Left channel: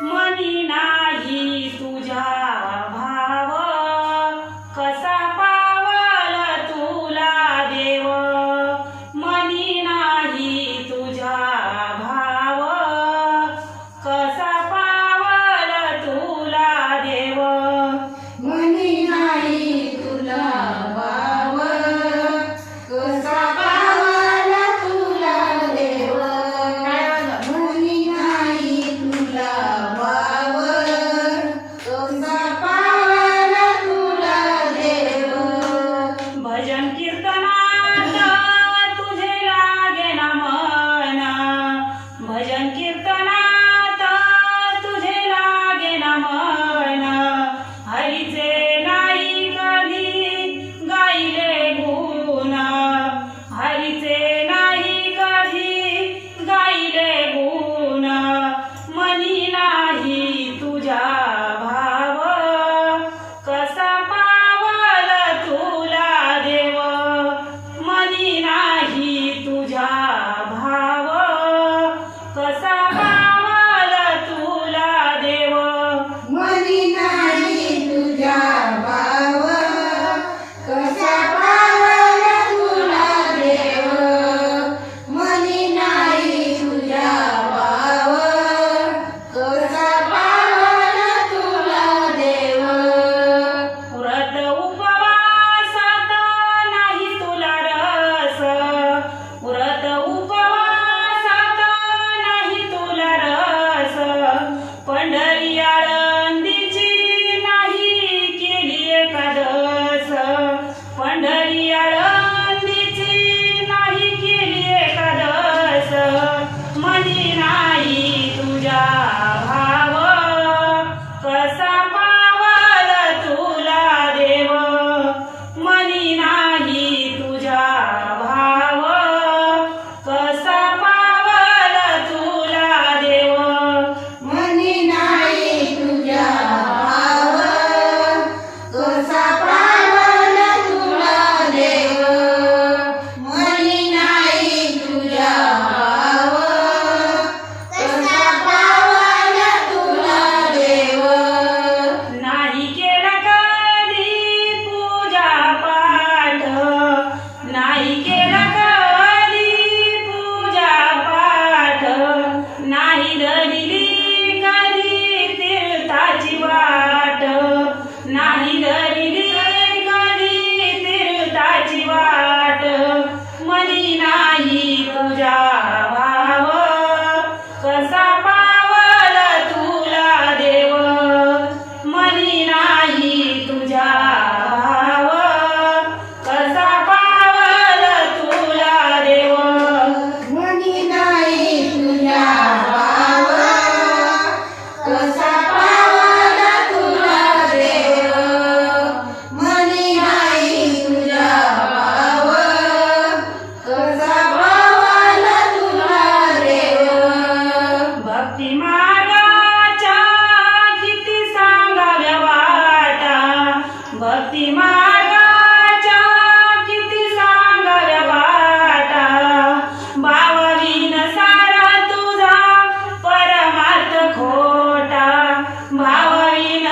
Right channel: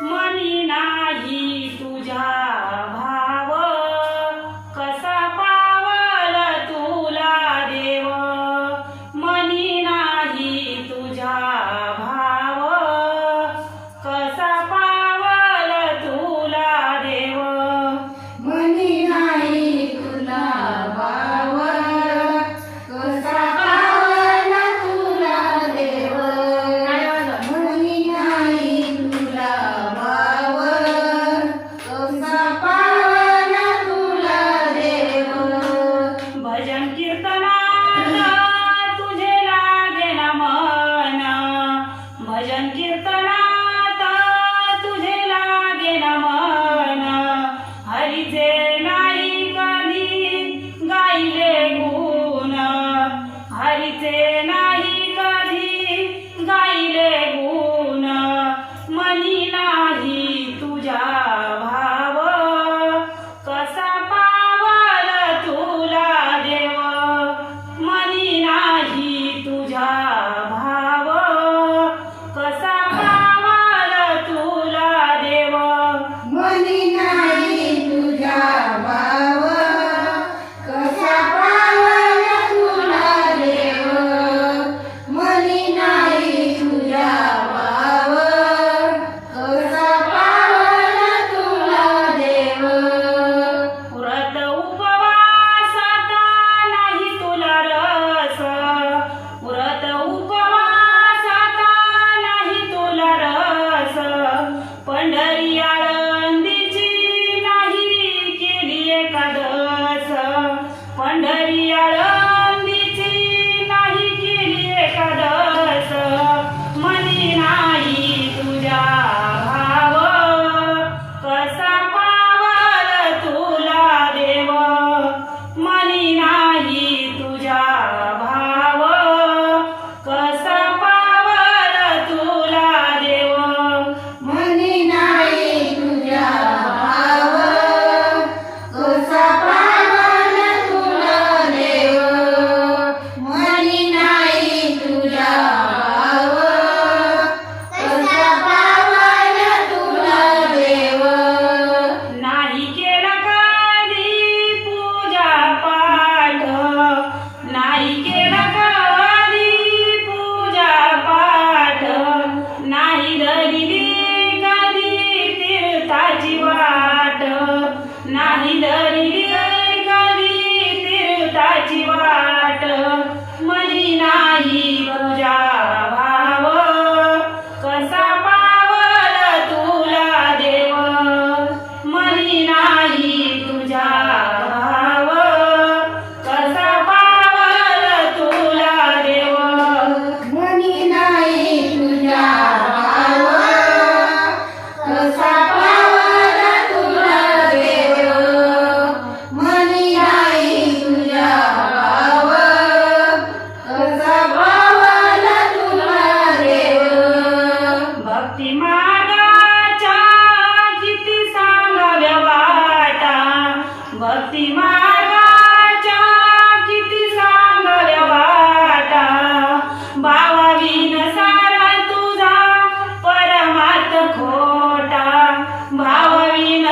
money. Bhajan कीर्तनात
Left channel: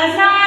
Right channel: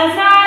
As